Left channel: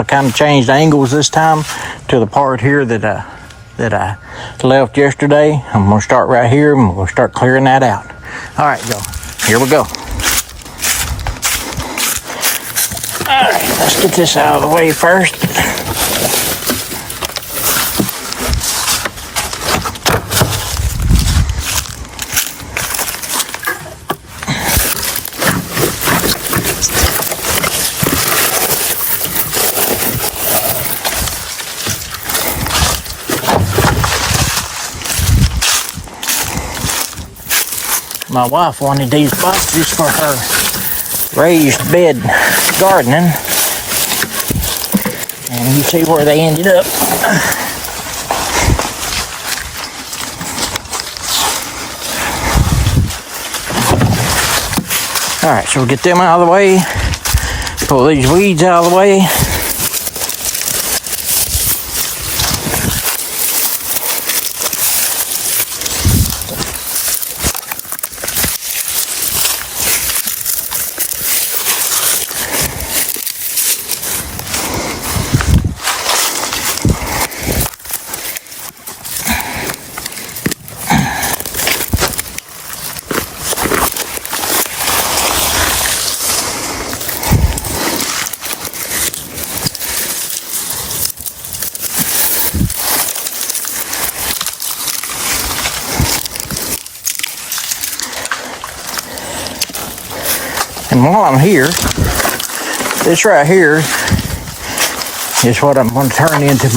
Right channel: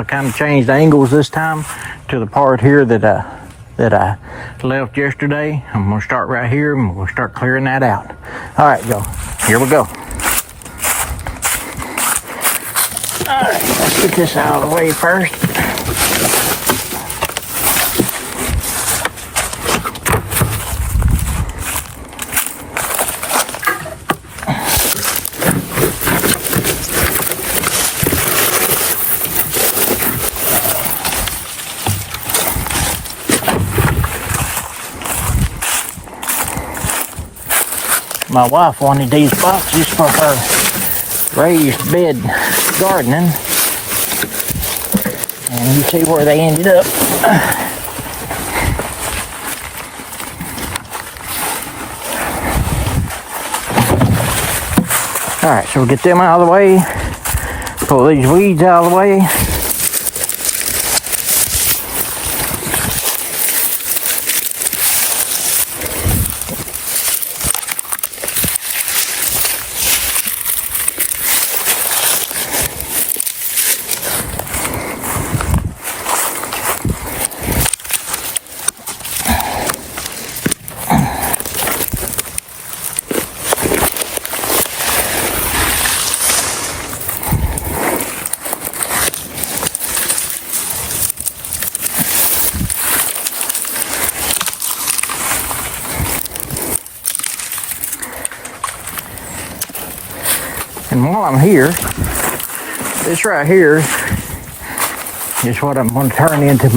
I kind of changed angles this time to the part here that I left yesterday. I'm gonna start right here and we'll start clearing that out. All right, y'all, here we go. All right, let's get this out of the way first. My wife wanted these boxes for her raised bed gardening, and you see where they ended up. All right, so we'll get them out of the way, pull these weeds out of the way. And while I'm here, this right here is what I'm going to turn into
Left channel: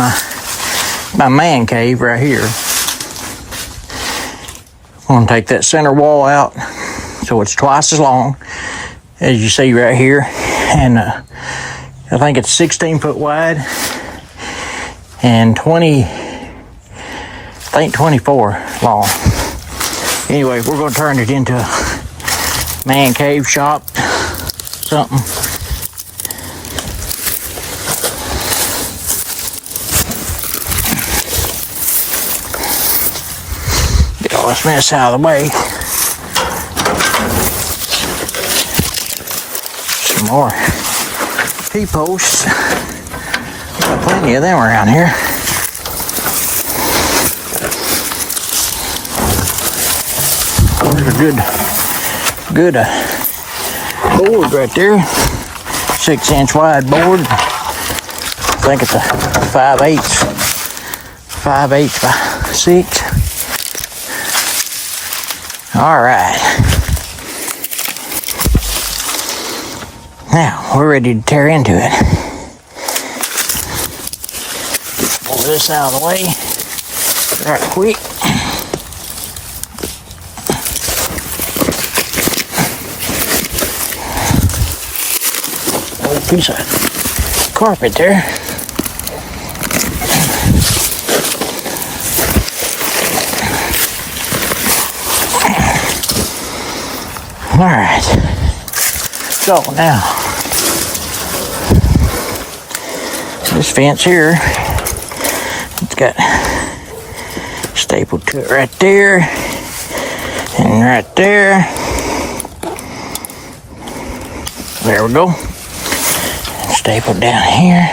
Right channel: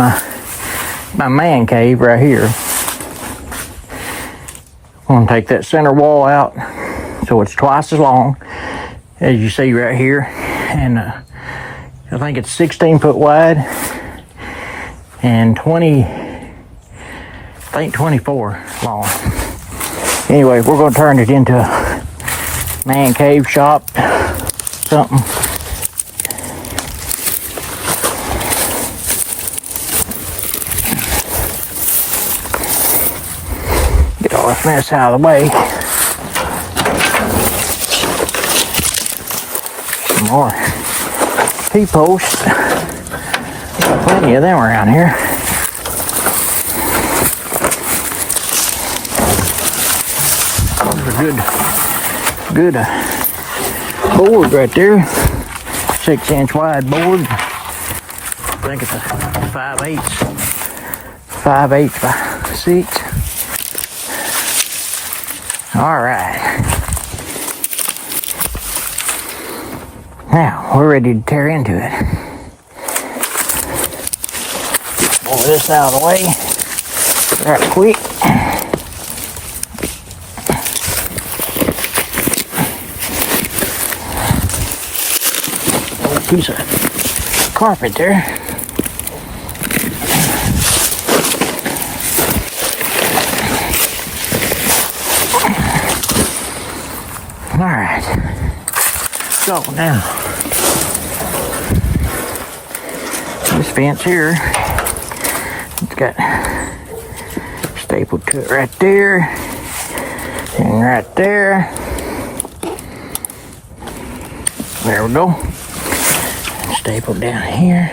my man cave right here. I'm going to take that center wall out so it's twice as long as you see right here. And I think it's 16 foot wide and 24 long. Anyway, we're going to turn it into a man cave shop, something. Get all this mess out of the way. Some more P-posts. Got plenty of them around here. There's a good board right there, 6-inch wide board. I think it's a 5/8 by 6. All right, now we're ready to tear into it. Just pull this out of the way right quick. Piece of carpet there. All right. So now, this fence here, it's got stapled to it right there and right there. There we go. Stapled down here.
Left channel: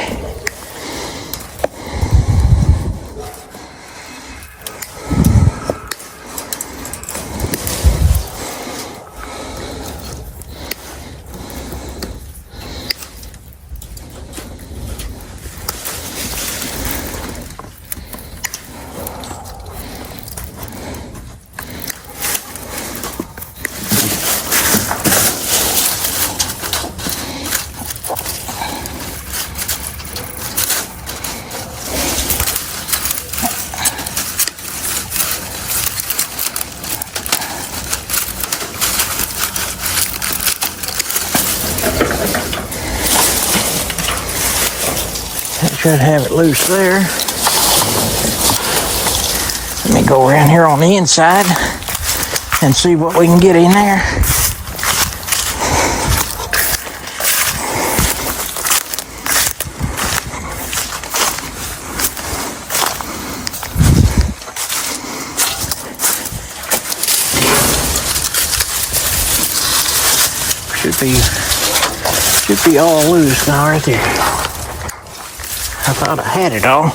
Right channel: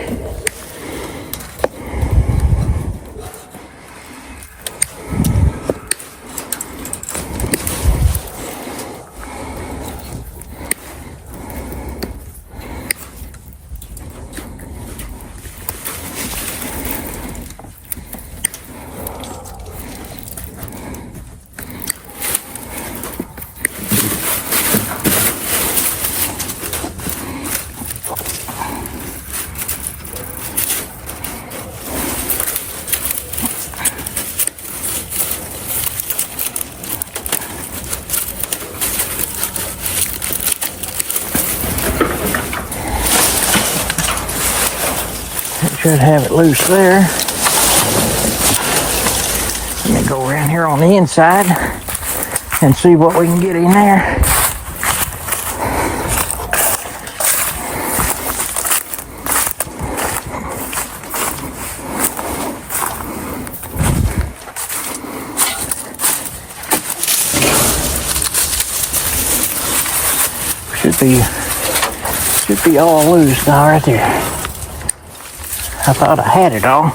Should have it loose there. Let me go around here on the inside and see what we can get in there. Should be all loose now right there. I thought I had it all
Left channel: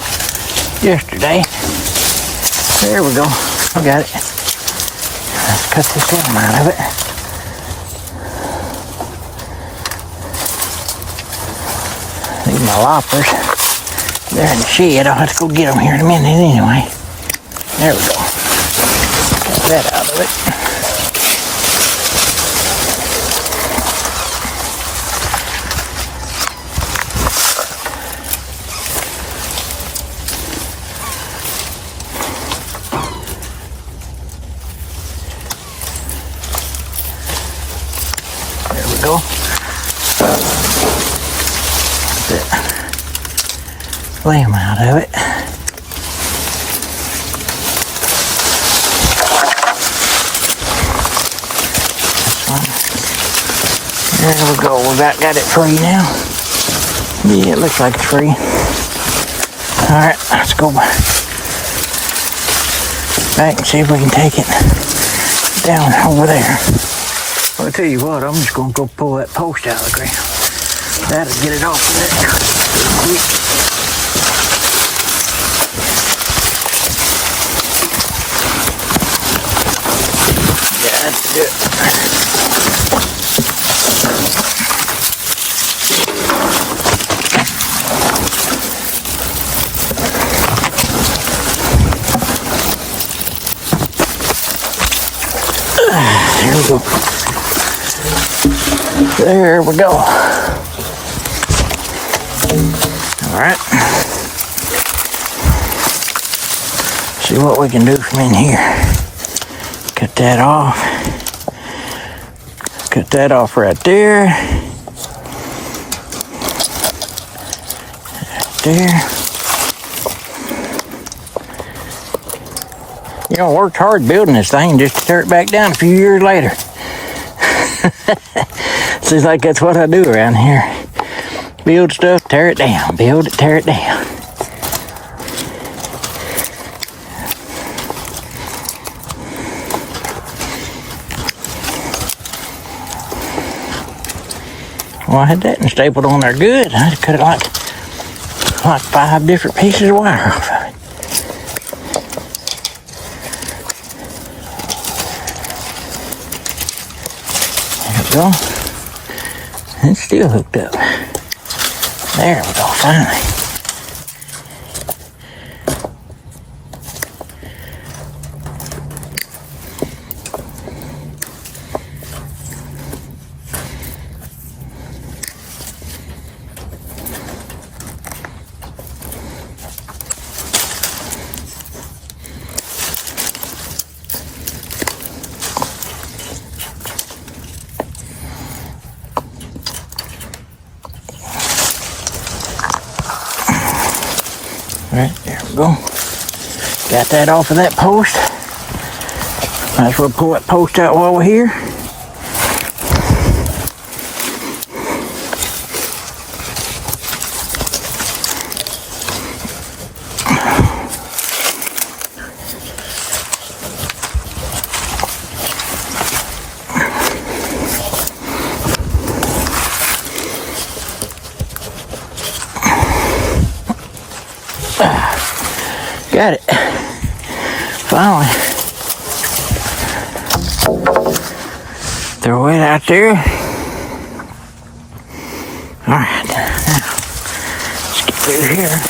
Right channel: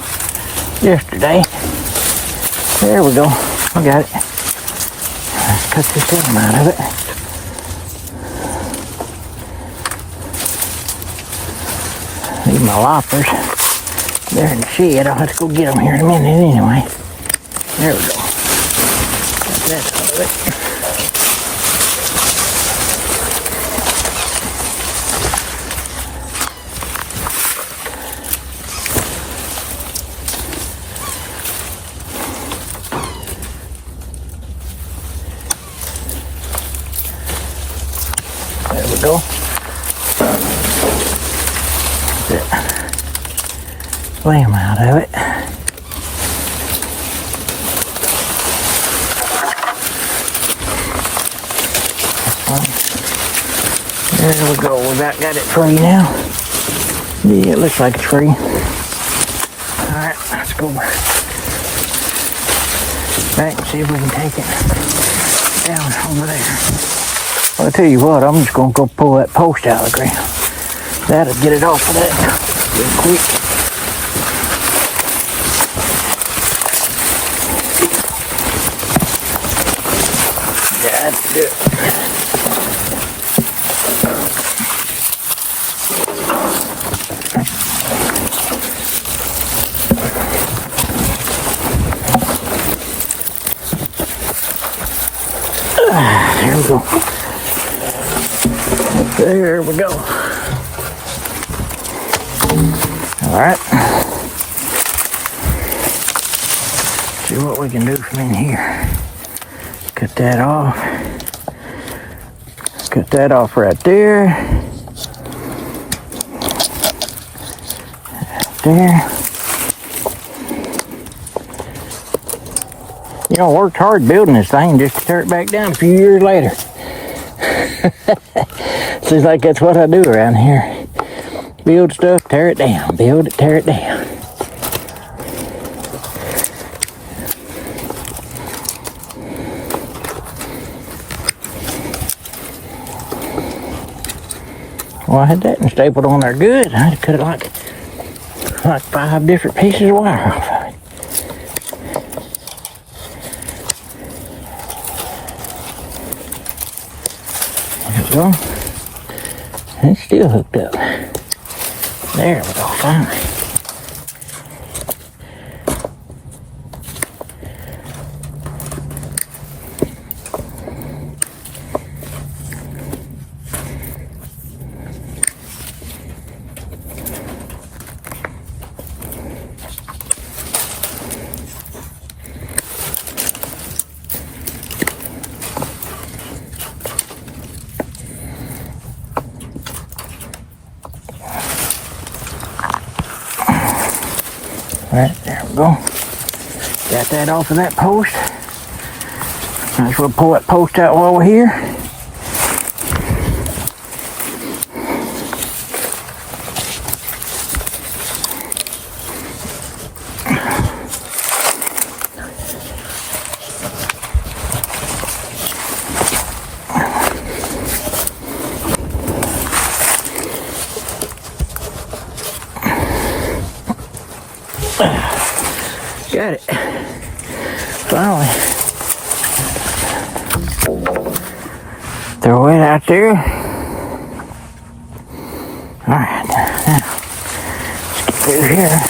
yesterday. There we go. I got it. Let's cut this arm out of it. Need my loppers. They're in the shed. I'll have to go get them here in a minute anyway. There we go. Got that out of it. There we go. Get that lamb out of it. There we go. We about got it free now. Yeah, it looks like it's free. Alright, let's go back and see if we can take it down over there. Well, I'll tell you what, I'm just going to go pull that post out again. That'll get it off of there real quick. Yeah, that's good. There we go. There we go. All right. See what we can do from in here. Cut that off. Cut that off right there. Right there. You know, I worked hard building this thing just to tear it back down a few years later. Seems like that's what I do around here. Build stuff, tear it down. Build it, tear it down. Well, I had that and stapled on there good. I just cut it like 5 different pieces of wire off of it. Go. It's still hooked up. There we go, finally. Alright, there we go. Got that off of that post. Might as well pull that post out while we're here. Got it. Finally. Throw it out there. Alright, now let's get through here.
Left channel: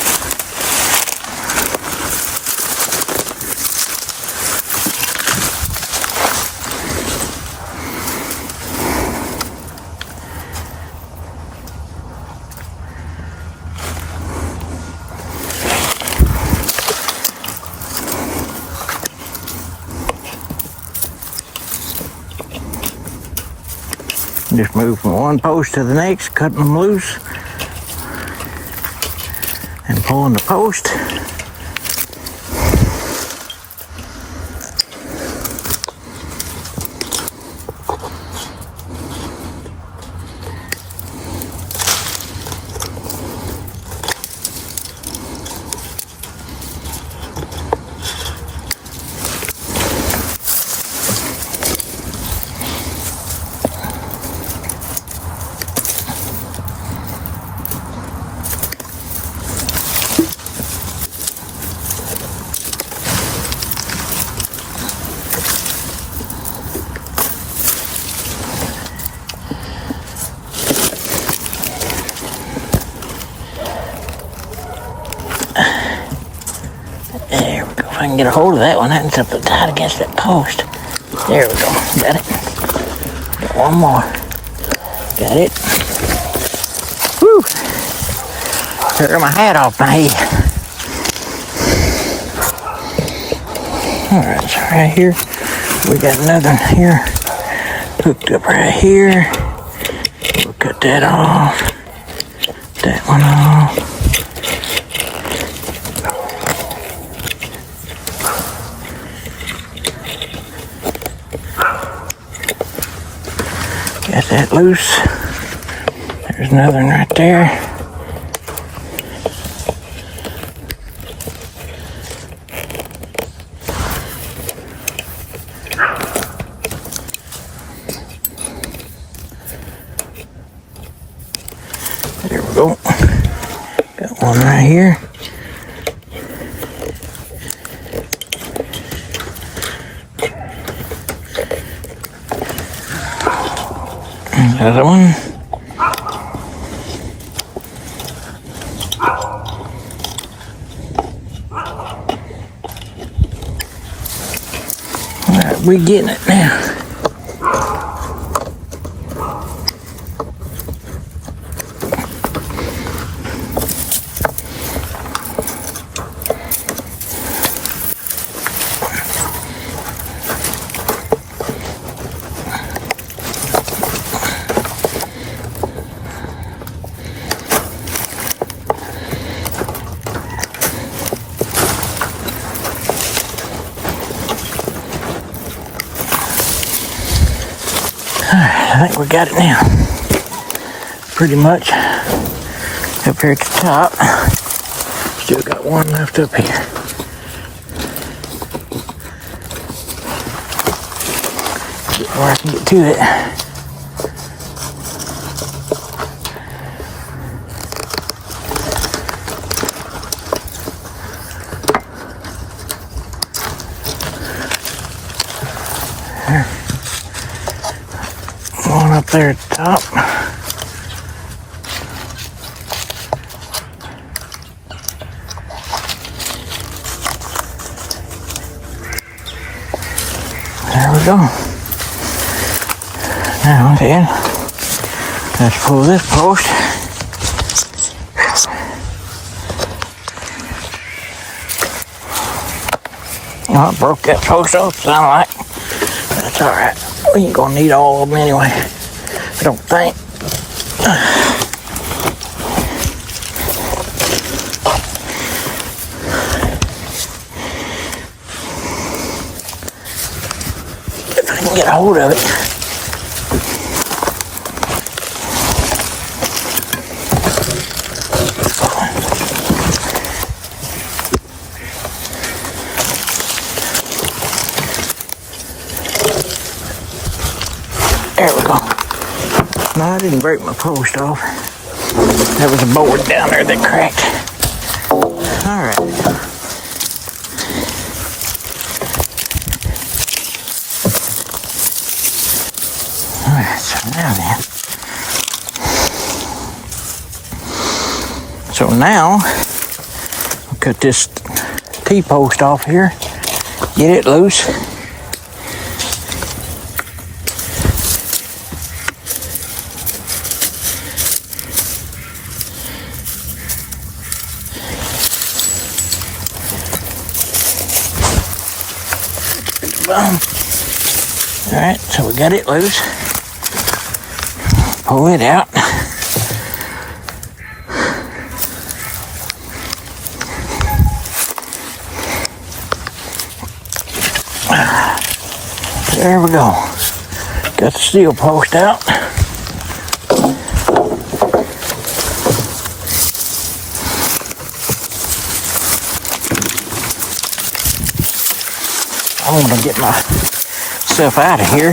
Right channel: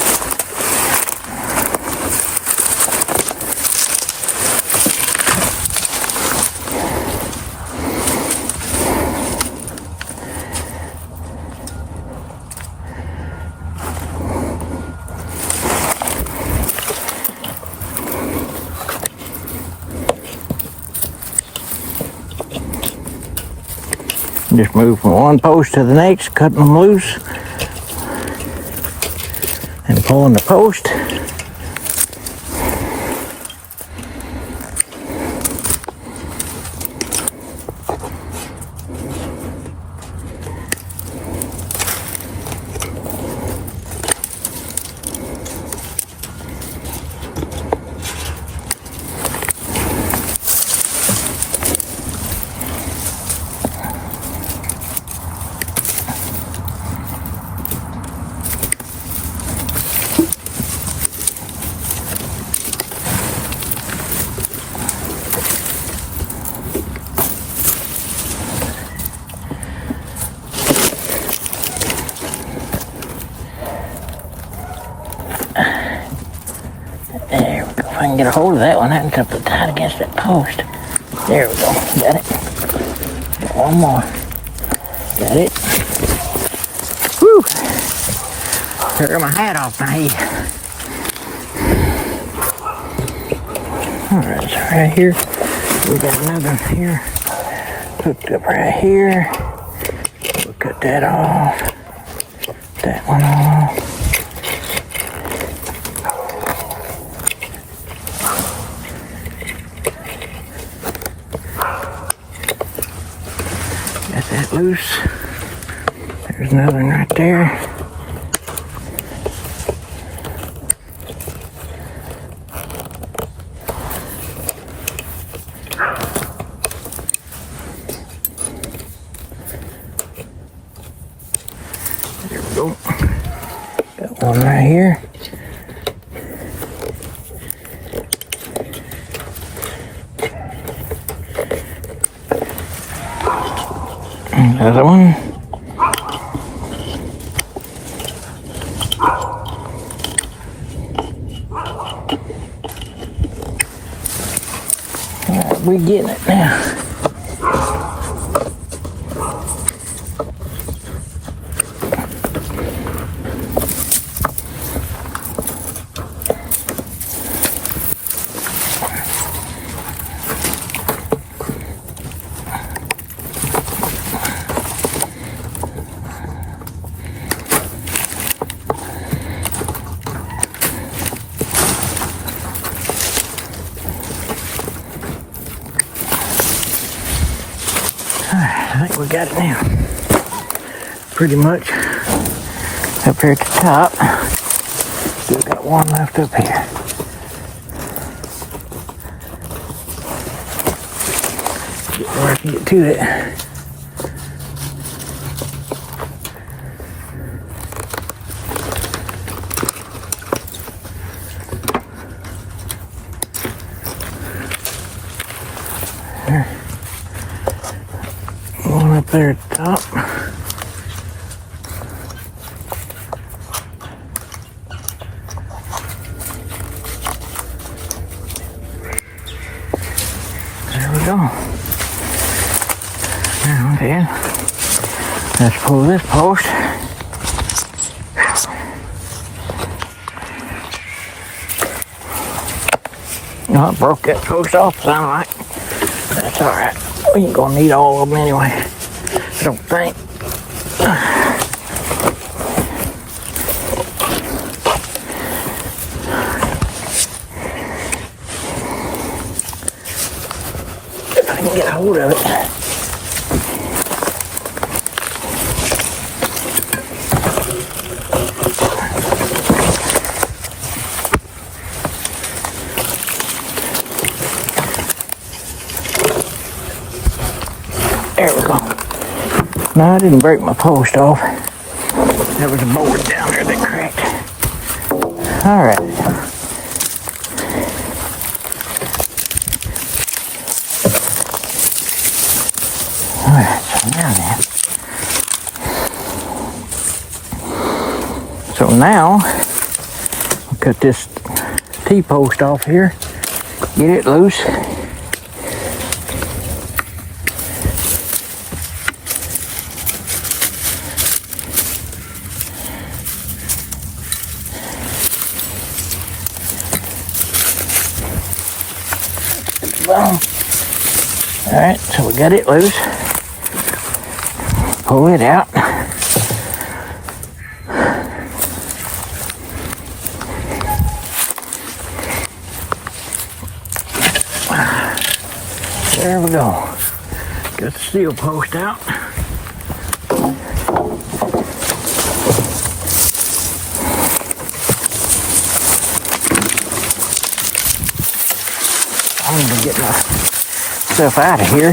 Just move from one post to the next, cutting them loose and pulling the post. I can get a hold of that one. That one's up tight against that post. There we go. Got it. Got one more. Got it. Woo! Took my hat off my head. Alright, so right here, we got another one here. Hooked up right here. We'll cut that off. That one off. Got that loose. There's another one right there. There we go. Got one right here. Another one. All right, we getting it now. I think we got it now. Pretty much up here at the top. Still got one left up here. Get where I can get to it. There. One up there at the top. There we go. Now then, let's pull this post. Oh, I broke that post off, sound like. That's alright. We ain't gonna need all of them anyway. I don't think. If I can get a hold of it. There we go. No, I didn't break my post off. That was a board down there that cracked. Alright. Alright, so now then. So now, I'll cut this T-post off here, get it loose. Boom. Alright, so we got it loose. Pull it out. There we go. Got the steel post out. I'm gonna get myself out of here.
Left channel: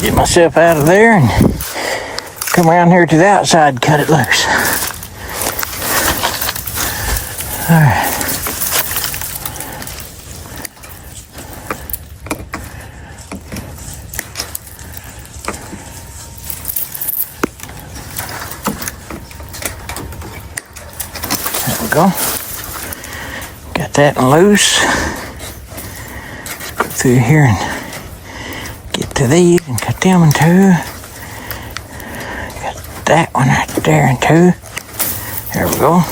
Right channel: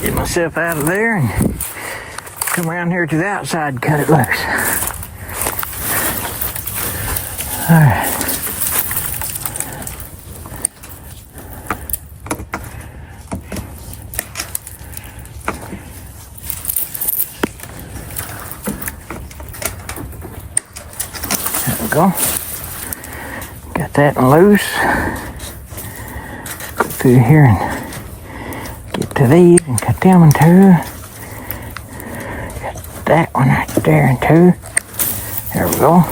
Get myself out of there and come around here to the outside and cut it loose. All right. go. Got that one loose. Let's go through here and get to these and cut them in two. Got that one right there in two. There we go.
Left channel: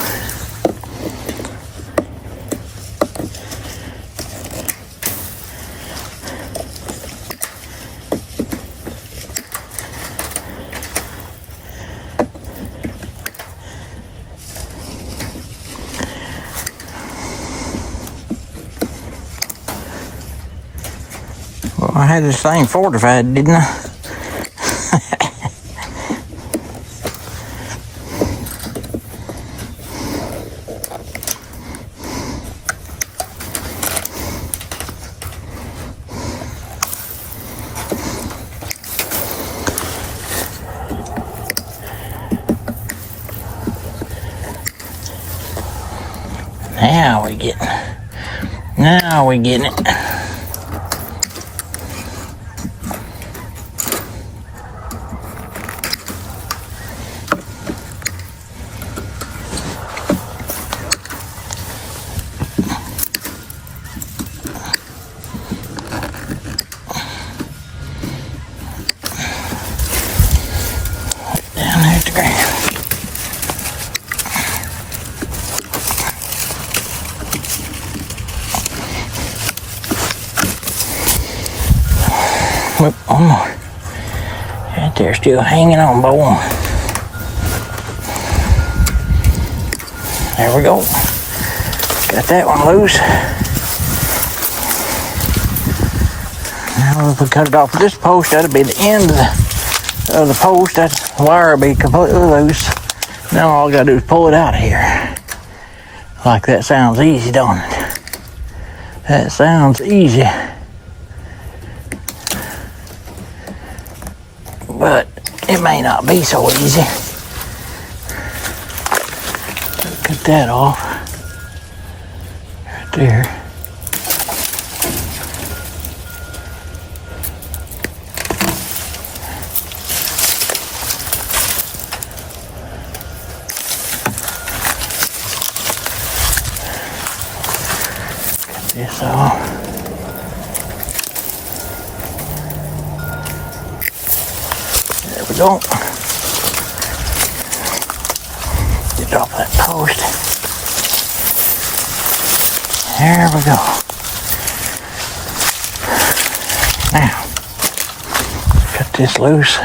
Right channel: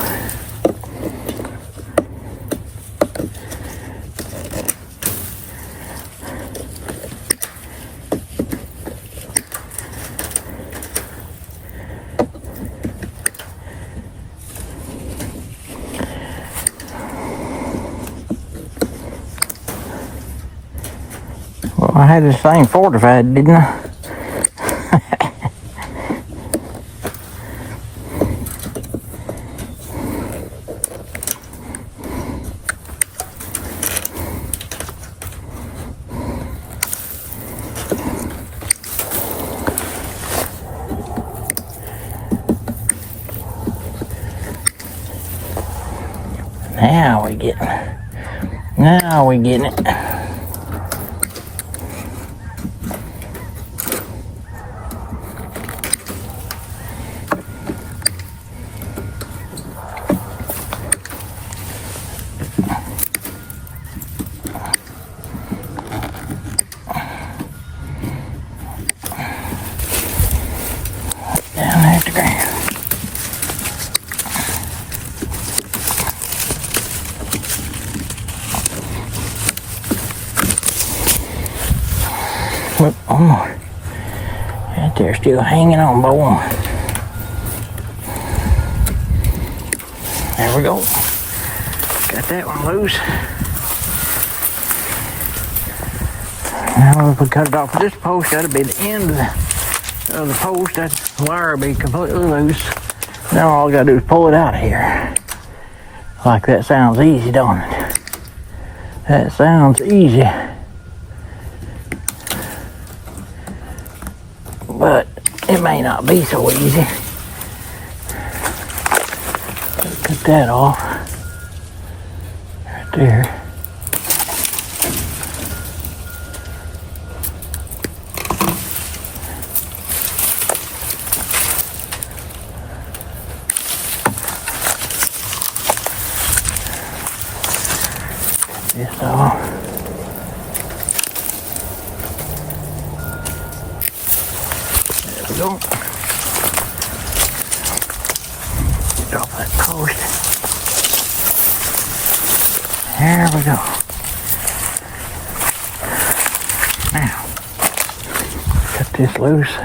Well, I had this thing fortified, didn't I? Now we getting it. Down there at the ground. Whoop, one more. Right there, still hanging on by one. There we go. Got that one loose. Now if we cut it off of this post, that'll be the end of the post. That wire will be completely loose. Now all I gotta do is pull it out of here. Like that sounds easy, don't it? That sounds easy. But it may not be so easy. Cut that off. Right there. Cut this off. We go. Get off that post. There we go. Now, cut this loose.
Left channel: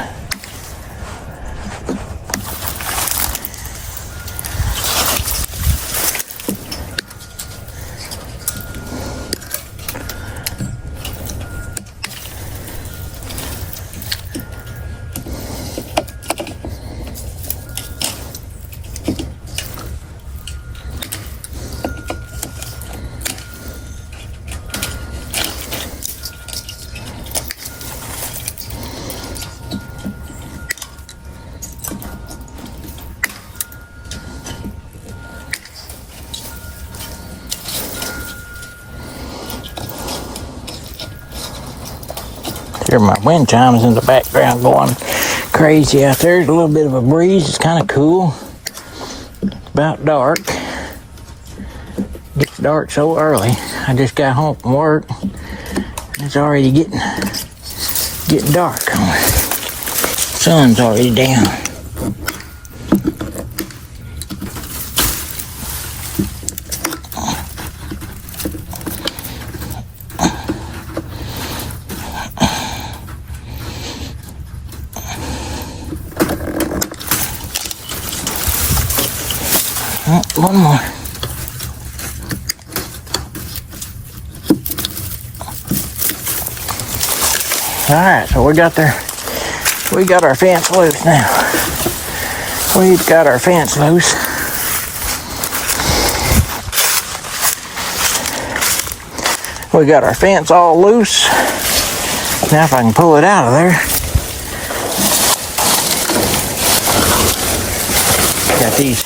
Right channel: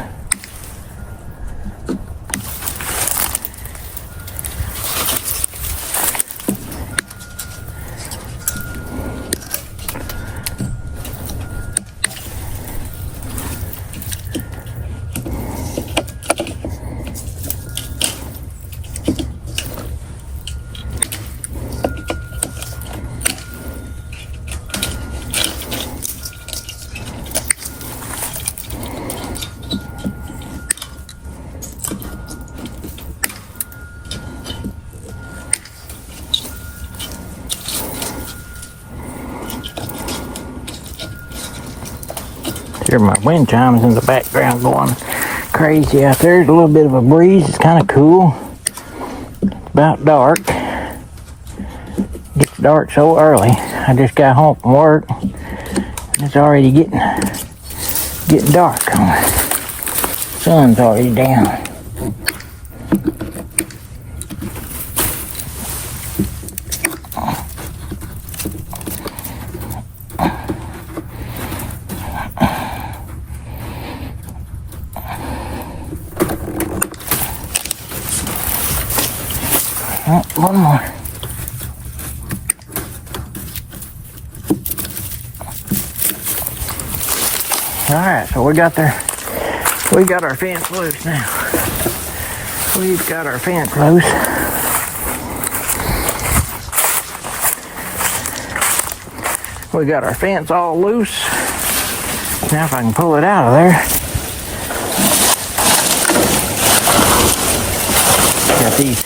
Hear my wind chimes in the background going crazy out there. There's a little bit of a breeze. It's kind of cool. It's about dark. It gets dark so early. I just got home from work. It's already getting dark. Sun's already down. Oh, one more. All right, so we got our fence loose now. We got our fence loose. We got our fence all loose. Now if I can pull it out of there. Got these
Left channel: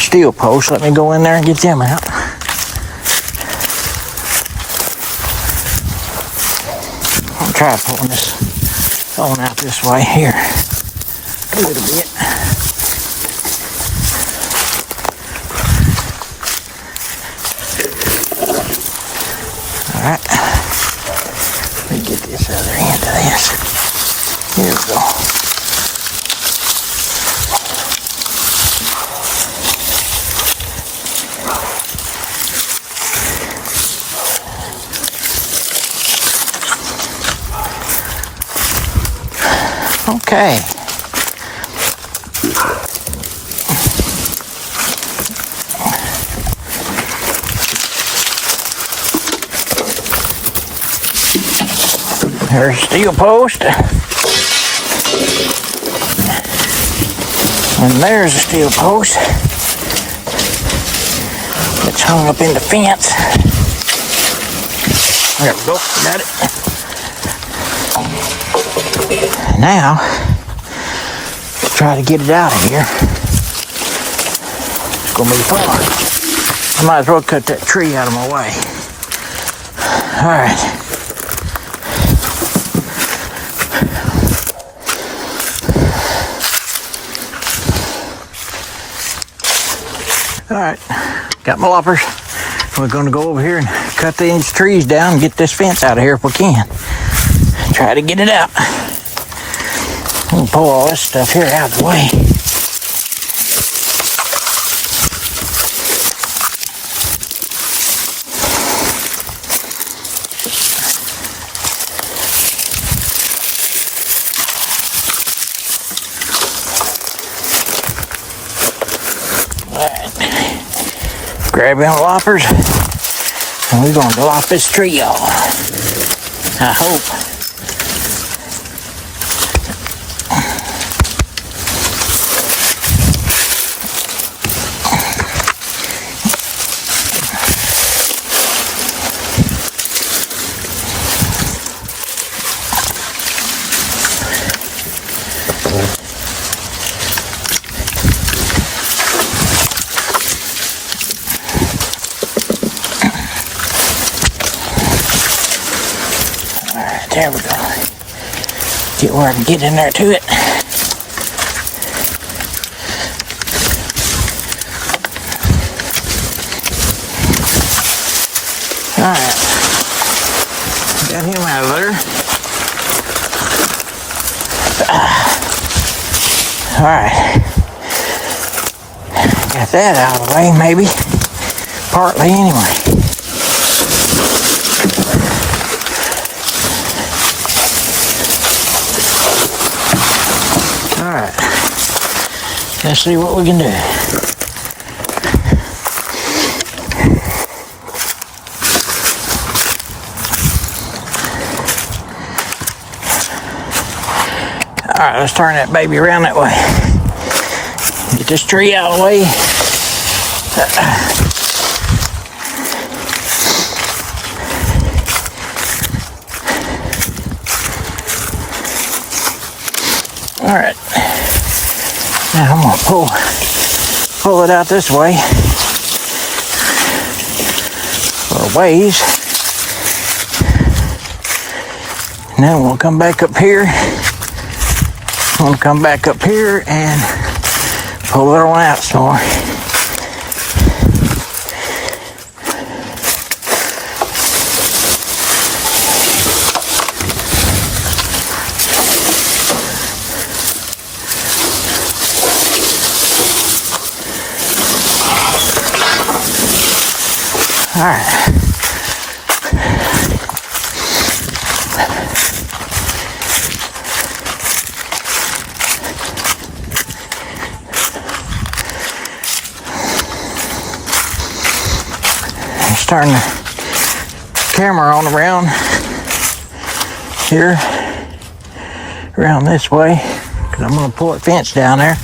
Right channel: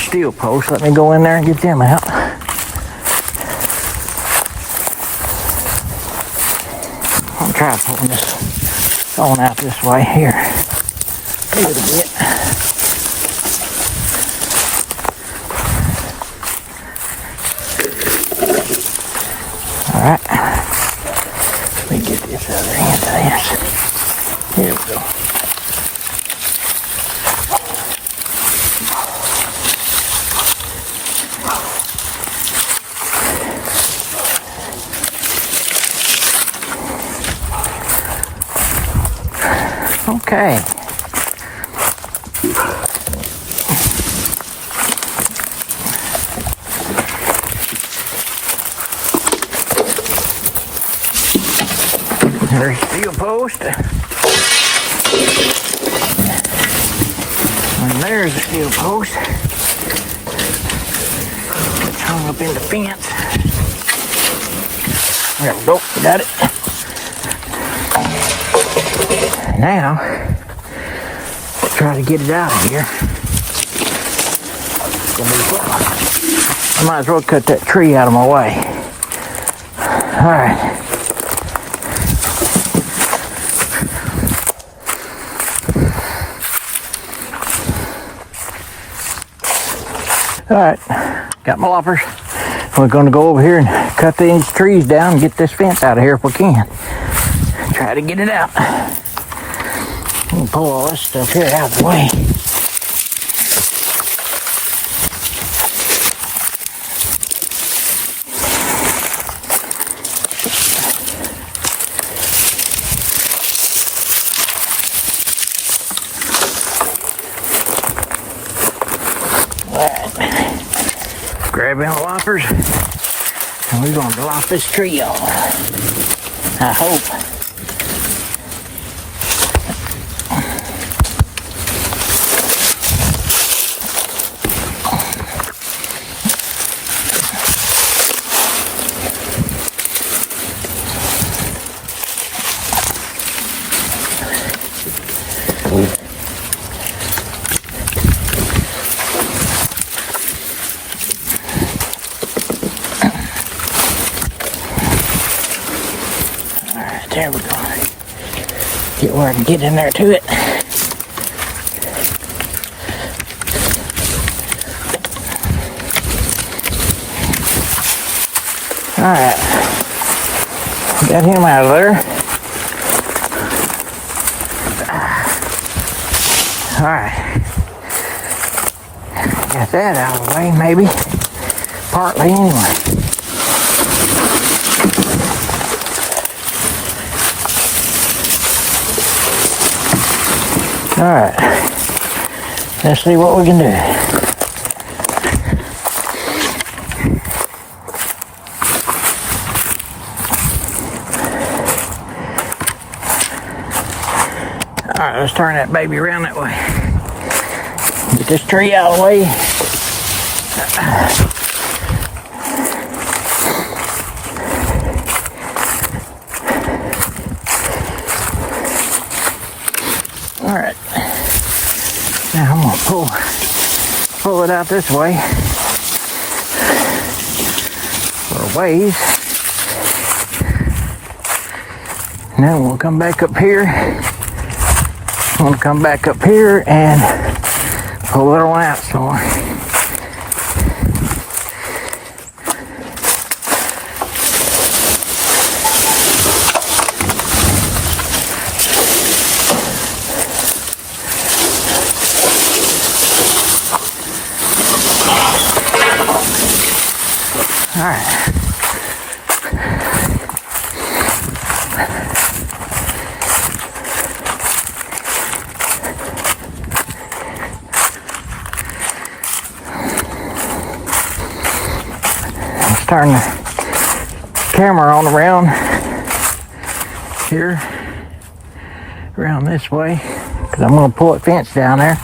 steel posts. Let me go in there and get them out. I'll try pulling this on out this way here a little bit. Alright. Let me get this other end of this. Here we go. Okay. There's a steel post. And there's a steel post. It's hung up in the fence. There we go, got it. Now, try to get it out of here. It's gonna be fun. I might as well cut that tree out of my way. All right. All right, got my loppers. We're gonna go over here and cut these trees down and get this fence out of here if we can. Try to get it out. We'll pull all this stuff here out of the way. Grabbing the loppers, and we're gonna lop this tree off. I hope. There we go. Get where I can get in there to it. Alright. Got him out of there. Alright. Got that out of the way, maybe. Partly, anyway. Alright, let's see what we can do. Alright, let's turn that baby around that way. Get this tree out of the way. Alright. Now I'm gonna pull it out this way for a ways. And then we'll come back up here. We'll come back up here and pull it on out some more. All right. Let's turn the camera on around here, around this way, because I'm going to pull that fence down there.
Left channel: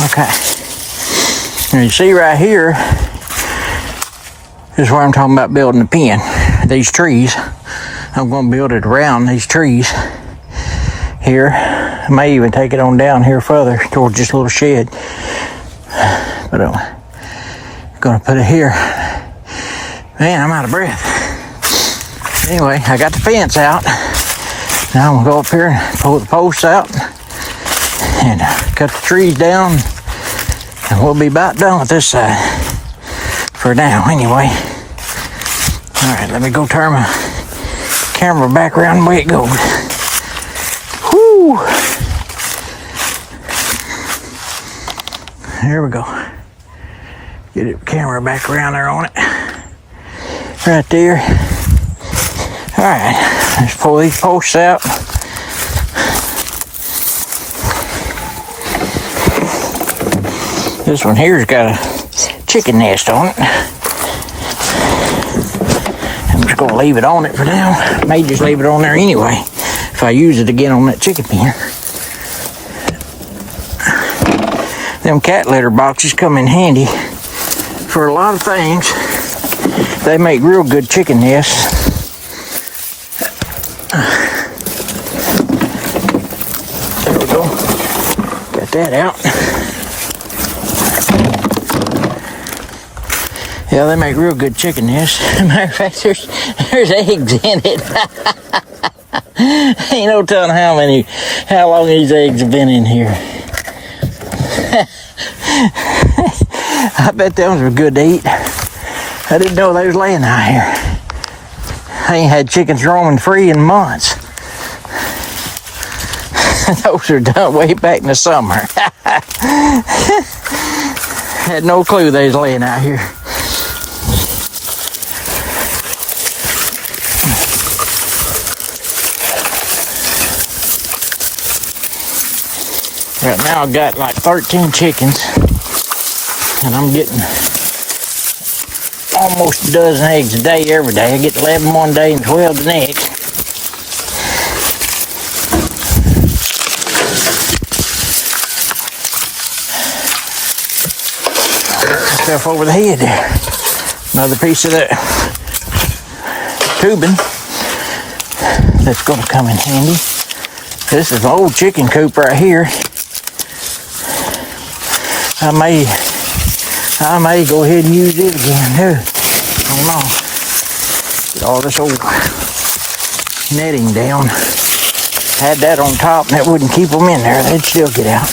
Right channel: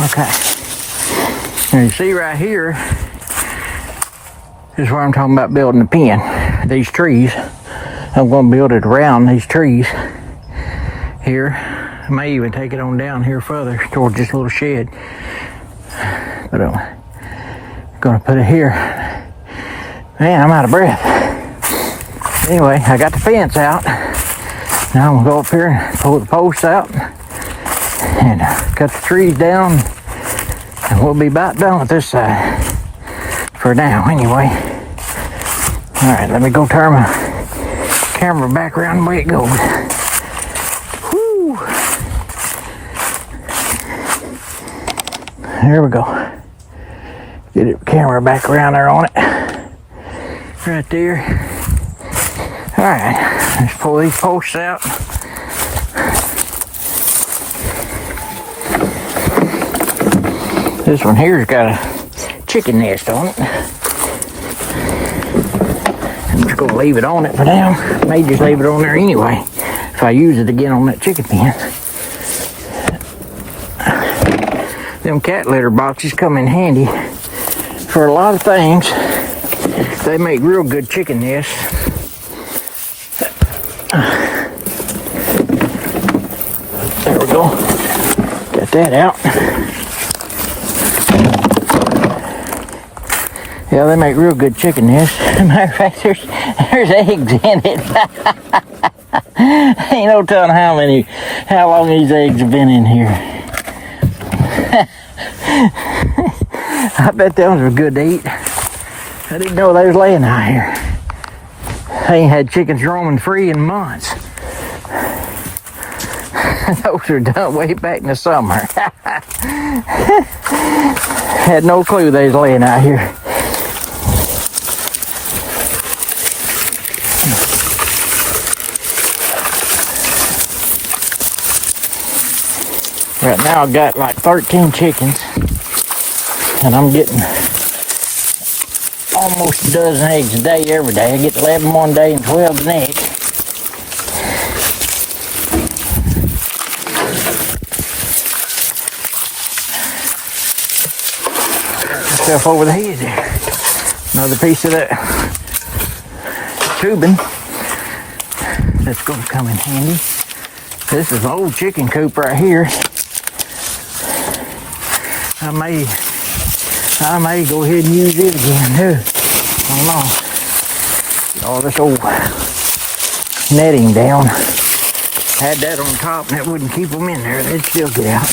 Okay. And you see right here, This is where I'm talking about building a pen. These trees, I'm going to build it around these trees here. I may even take it on down here further towards this little shed. But I'm going to put it here. Man, I'm out of breath. Anyway, I got the fence out. Now I'm going to go up here and pull the posts out and cut the trees down. And we'll be about done with this side. For now, anyway. Alright, let me go turn my camera back around the way it goes. Whoo! There we go. Get the camera back around there on it. Right there. Alright, let's pull these posts out. This one here's got a chicken nest on it. I'm just gonna leave it on it for now. May just leave it on there anyway if I use it again on that chicken pen. Them cat litter boxes come in handy for a lot of things. They make real good chicken nests. There we go. Got that out. Yeah, they make real good chicken nests. Matter of fact, there's eggs in it. Ain't no telling how long these eggs have been in here. I bet them were good to eat. I didn't know they was laying out here. I ain't had chickens roaming free in months. Those were done way back in the summer. Had no clue they was laying out here. Right now I've got like 13 chickens and I'm getting almost a dozen eggs a day every day. I get 11 one day and 12 the next. Stuff over the head there. Another piece of that tubing that's going to come in handy. This is an old chicken coop right here. I may go ahead and use it again too. I don't know. Get all this old netting down. Had that on top and that wouldn't keep them in there. They'd still get out.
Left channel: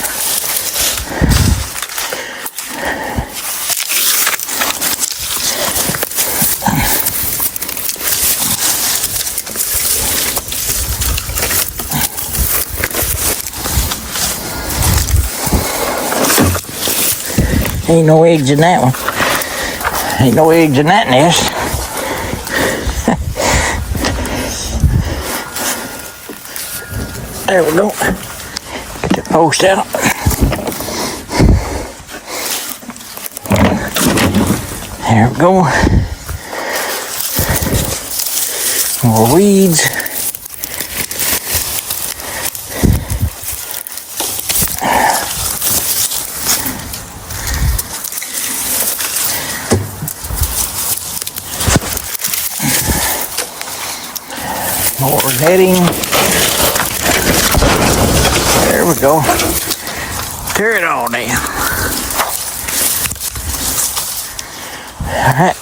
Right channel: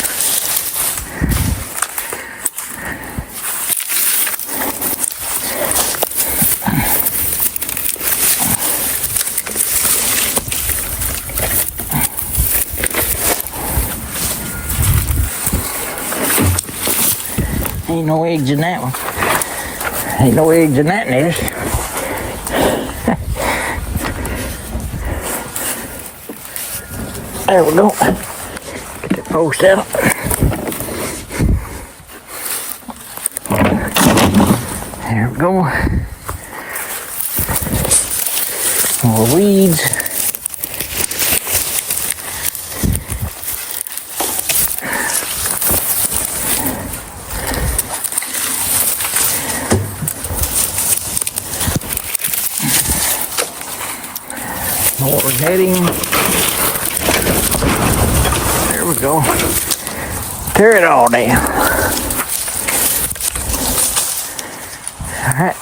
Ain't no eggs in that one. Ain't no eggs in that nest. There we go. Get the post out. There we go. More weeds. More netting. There we go. Tear it all down. All right.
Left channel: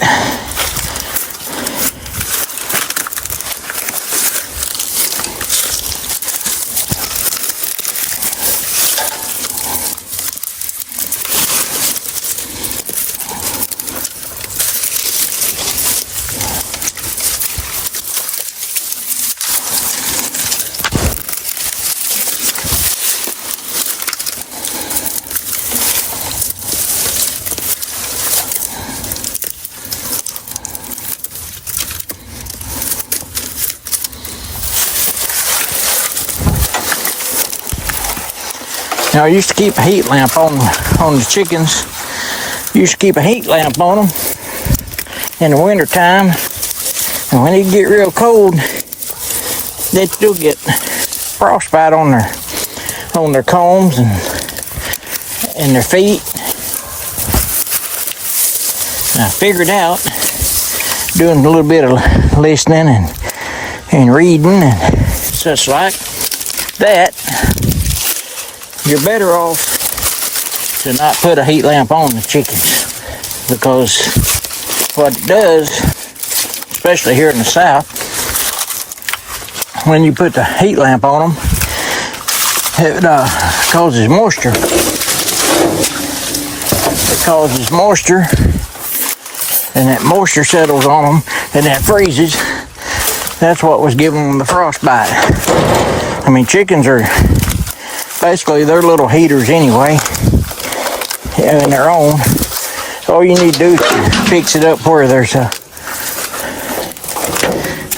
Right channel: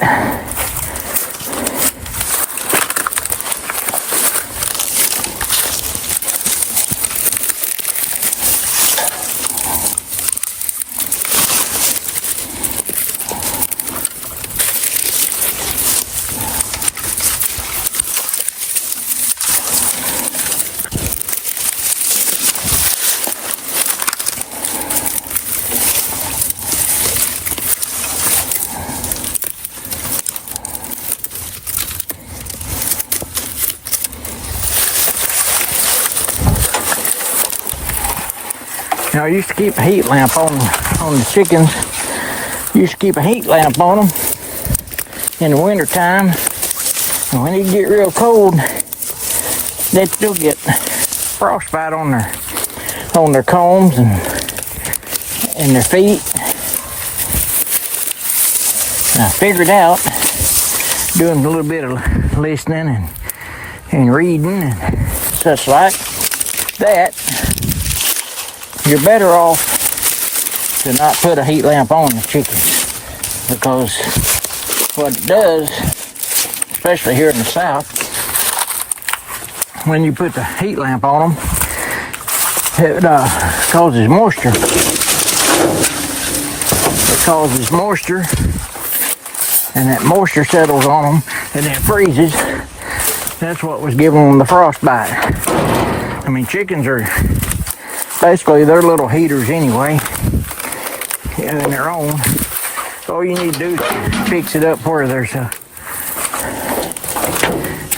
Now I used to keep a heat lamp on the chickens. Used to keep a heat lamp on them in the winter time. And when it get real cold, they'd still get frostbite on their combs and their feet. And I figured out doing a little bit of listening and reading and such like that, you're better off to not put a heat lamp on the chickens, because what it does, especially here in the south, when you put the heat lamp on them, it causes moisture. It causes moisture, and that moisture settles on them, and that freezes. That's what was giving them the frostbite. I mean, chickens are basically, they're little heaters anyway, in their own. All you need to do is fix it up where there's a,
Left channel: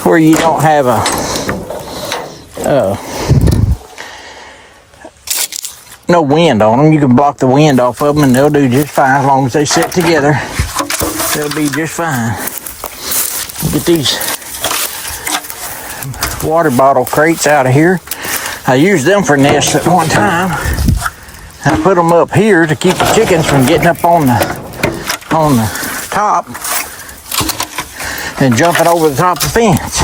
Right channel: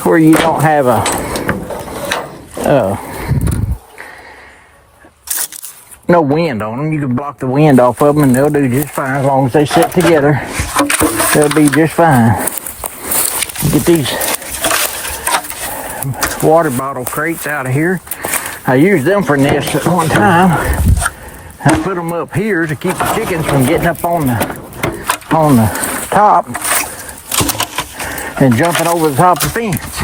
where you don't have no wind on them. You can block the wind off of them and they'll do just fine as long as they sit together. They'll be just fine. Get these water bottle crates out of here. I used them for nests at one time. I put them up here to keep the chickens from getting up on the top and jumping over the top of the fence.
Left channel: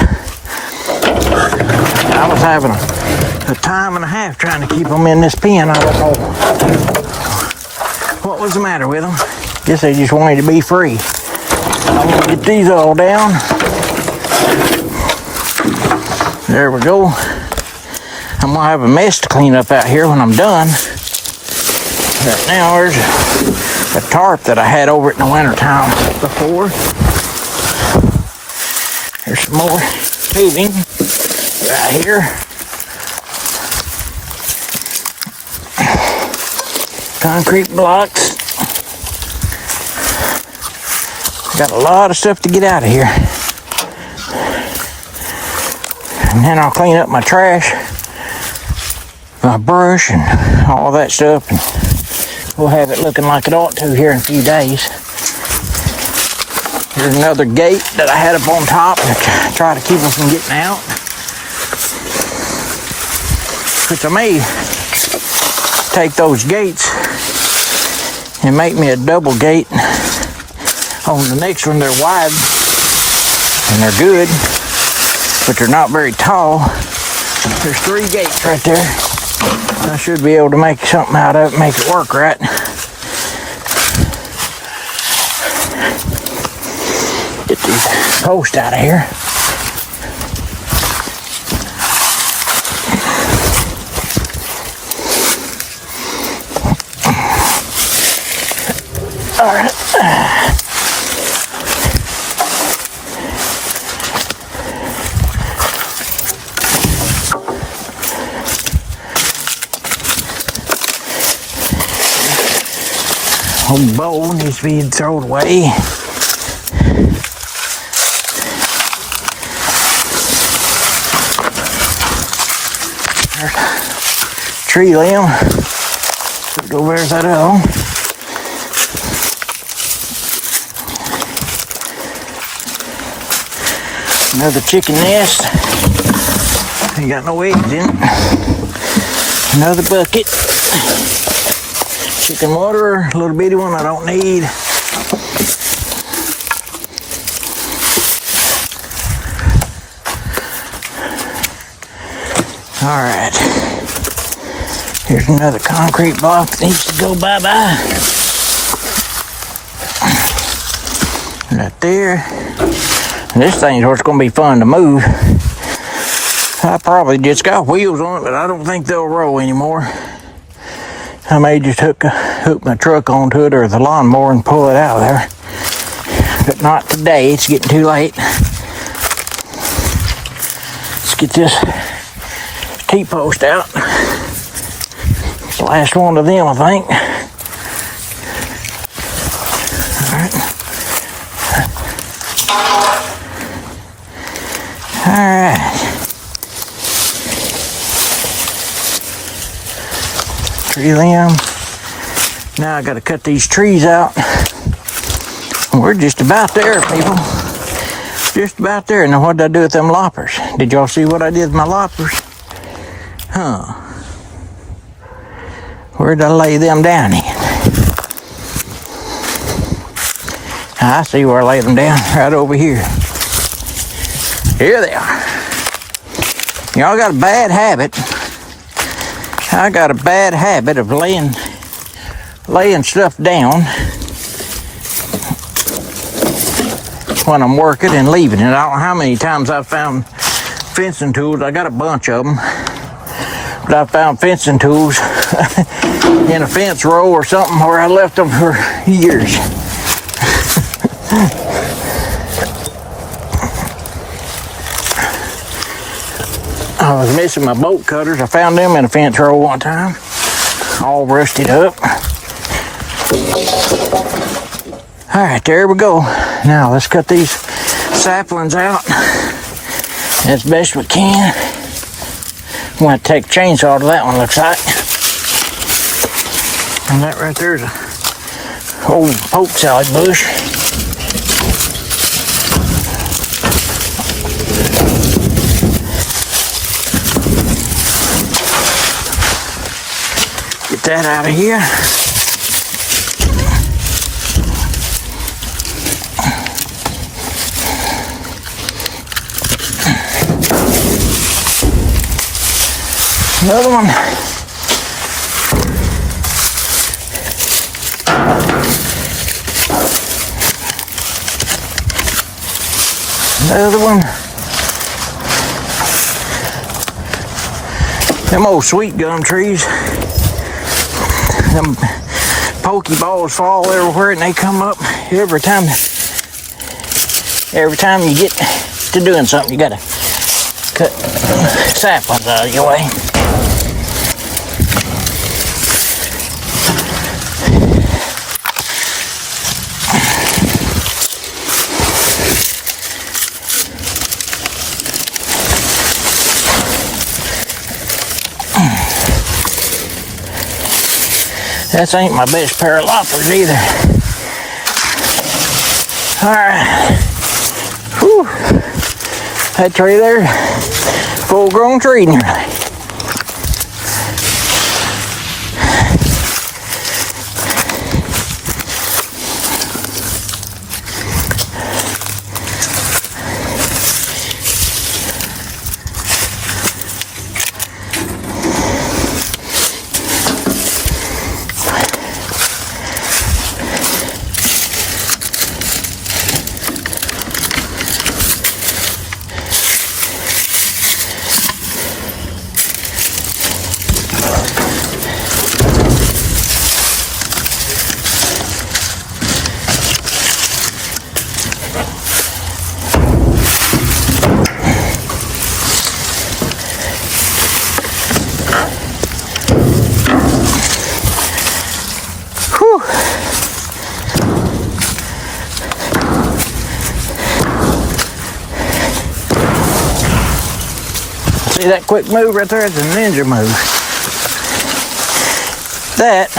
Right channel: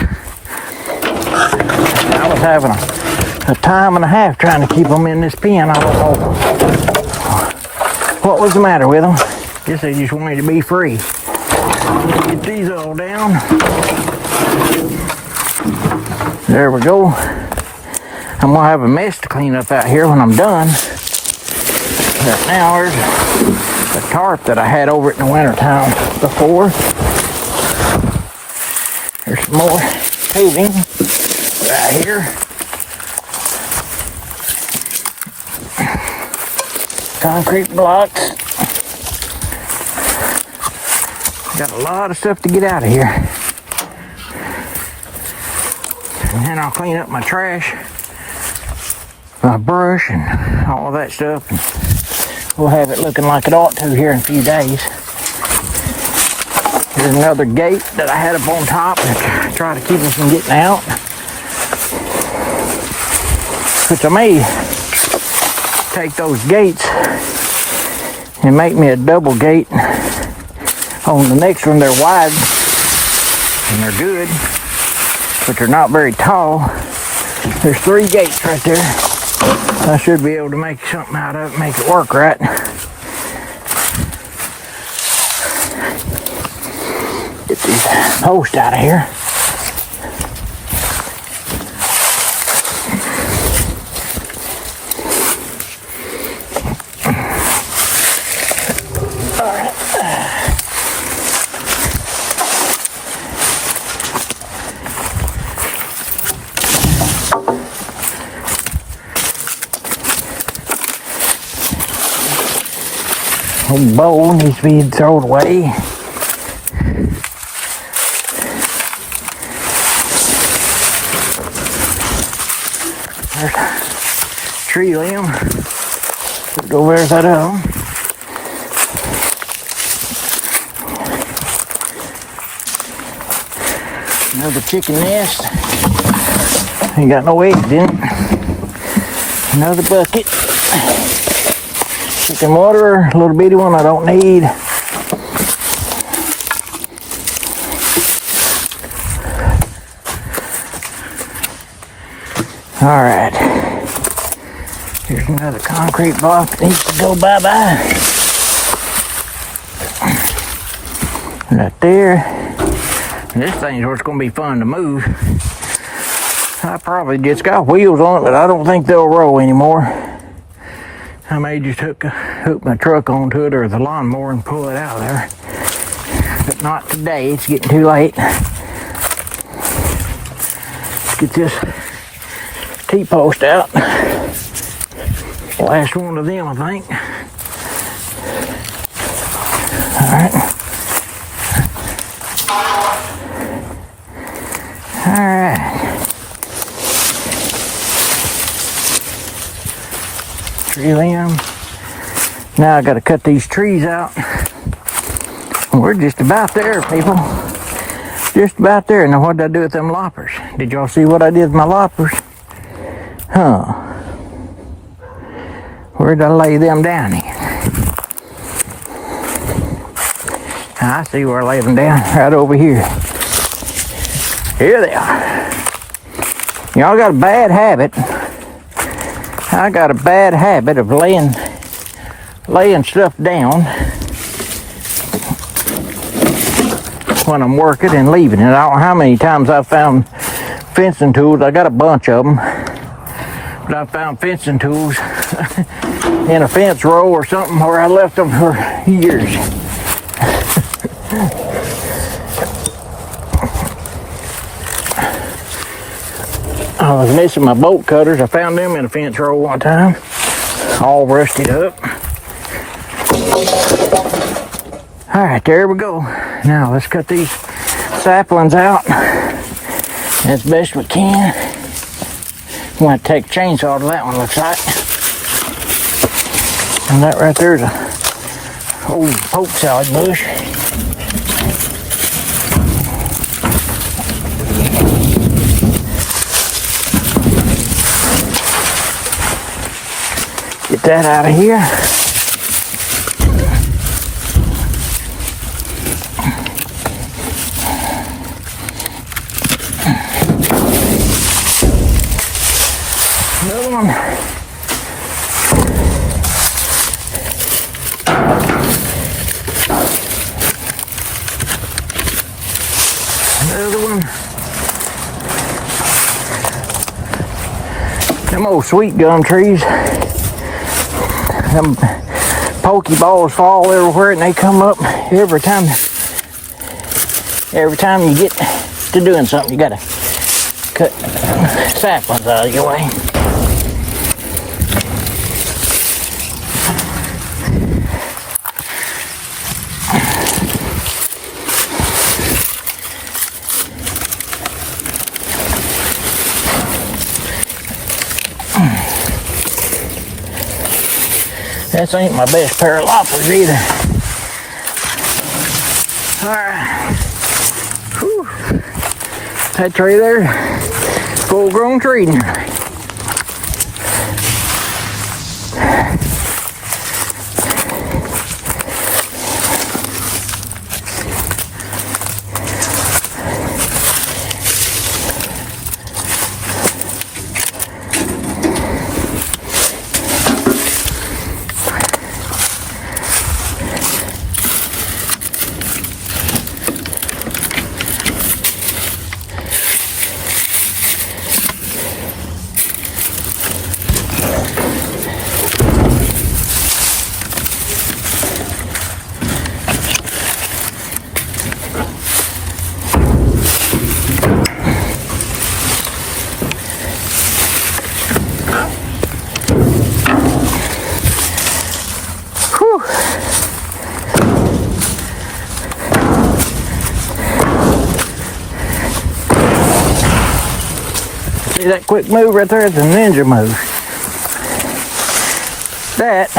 I was having a time and a half trying to keep them in this pen. I don't know what was the matter with them. Guess they just wanted to be free. I'm gonna get these all down. There we go. I'm gonna have a mess to clean up out here when I'm done. Right now there's a tarp that I had over it in the wintertime before. There's some more tubing right here. Concrete blocks. Got a lot of stuff to get out of here. And then I'll clean up my trash, my brush, and all that stuff. And we'll have it looking like it ought to here in a few days. Here's another gate that I had up on top to try to keep them from getting out. Which I may take those gates and make me a double gate on the next one. They're wide and they're good, but they're not very tall. There's 3 gates right there. I should be able to make something out of it, make it work right. Get these posts out of here. All right. Old bowl needs to be thrown away. There's a tree limb. Put it over there, that on. Another chicken nest. Ain't got no eggs in it. Another bucket. Chicken water, a little bitty one I don't need. All right. Here's another concrete block that needs to go bye-bye. Right there. And this thing's what's going to be fun to move. I probably just got wheels on it, but I don't think they'll roll anymore. I may just hook my truck onto it or the lawnmower and pull it out of there. But not today, it's getting too late. Let's get this T-post out. Last one of them, I think. All right. All right. Tree limb. Now I got to cut these trees out. We're just about there, people. Just about there. Now what did I do with them loppers? Did y'all see what I did with my loppers? Huh. Where did I lay them down in? I see where I laid them down, right over here. Here they are. Y'all got a bad habit. I got a bad habit of laying stuff down when I'm working and leaving it. I don't know how many times I've found fencing tools. I got a bunch of them. But I found fencing tools in a fence row or something where I left them for years. I was missing my bolt cutters. I found them in a fence row one time, all rusted up. All right, there we go. Now let's cut these saplings out as best we can. I'm going to take a chainsaw to that one, looks like. And that right there's a old poke salad bush. Get that out of here. Another one. Another one. Them old sweet gum trees. Them pokey balls fall everywhere and they come up every time you get to doing something. You gotta cut saplings out of your way. This ain't my best pair of loppers either. Alright. Whew. That tree there, full grown tree. See that quick move right there? It's a ninja move. That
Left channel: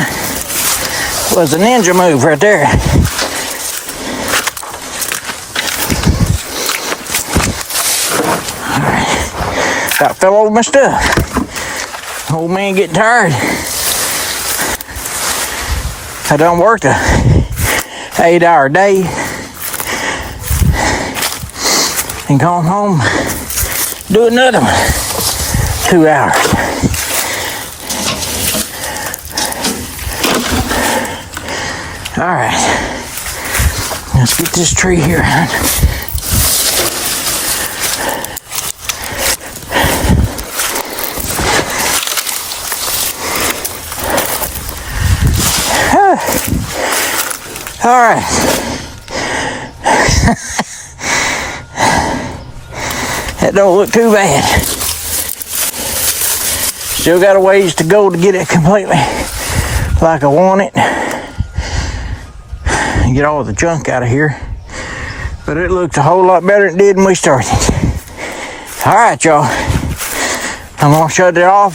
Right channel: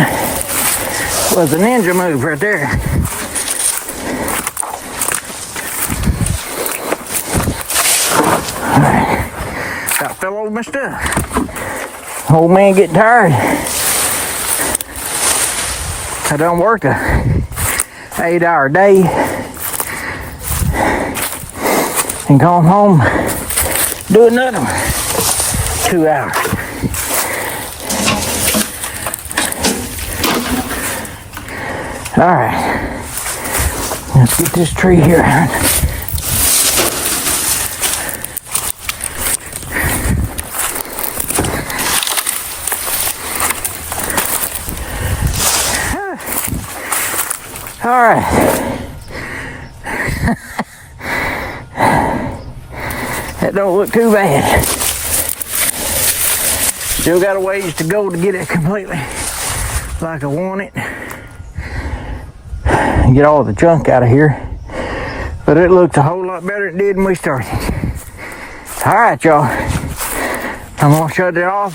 was a ninja move right there. Alright. About fell over my stuff. Old man getting tired. I done worked a 8-hour day and come home, do another one. 2 hours. All right, let's get this tree here. All right. That don't look too bad. Still got a ways to go to get it completely like I want it. And get all the junk out of here. But it looks a whole lot better than it did when we started. All right, y'all. I'm gonna shut it off.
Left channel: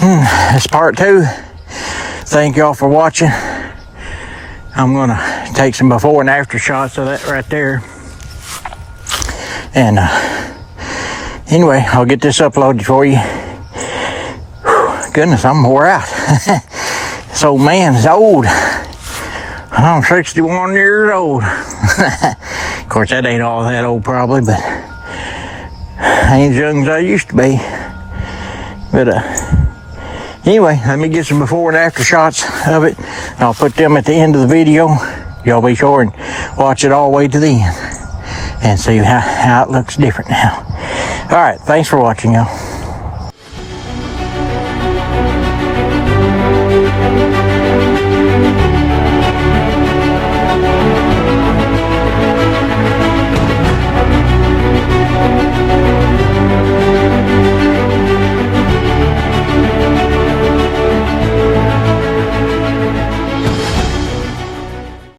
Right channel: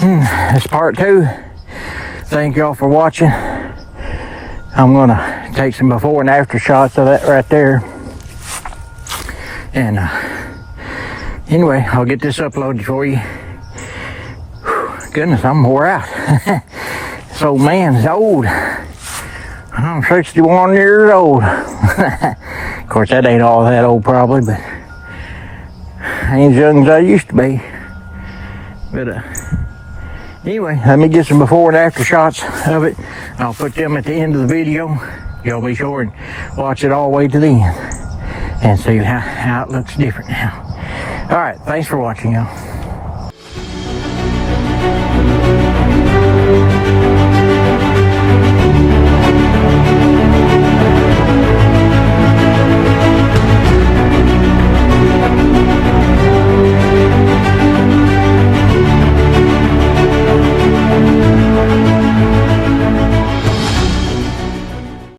That's part 2. Thank y'all for watching. I'm gonna take some before and after shots of that right there. And anyway, I'll get this uploaded for you. Whew, goodness, I'm wore out. This old man is old. I'm 61 years old. Of course, that ain't all that old probably, but I ain't as young as I used to be. But anyway, let me get some before and after shots of it. I'll put them at the end of the video. Y'all be sure and watch it all the way to the end and see how it looks different now. All right, thanks for watching, y'all.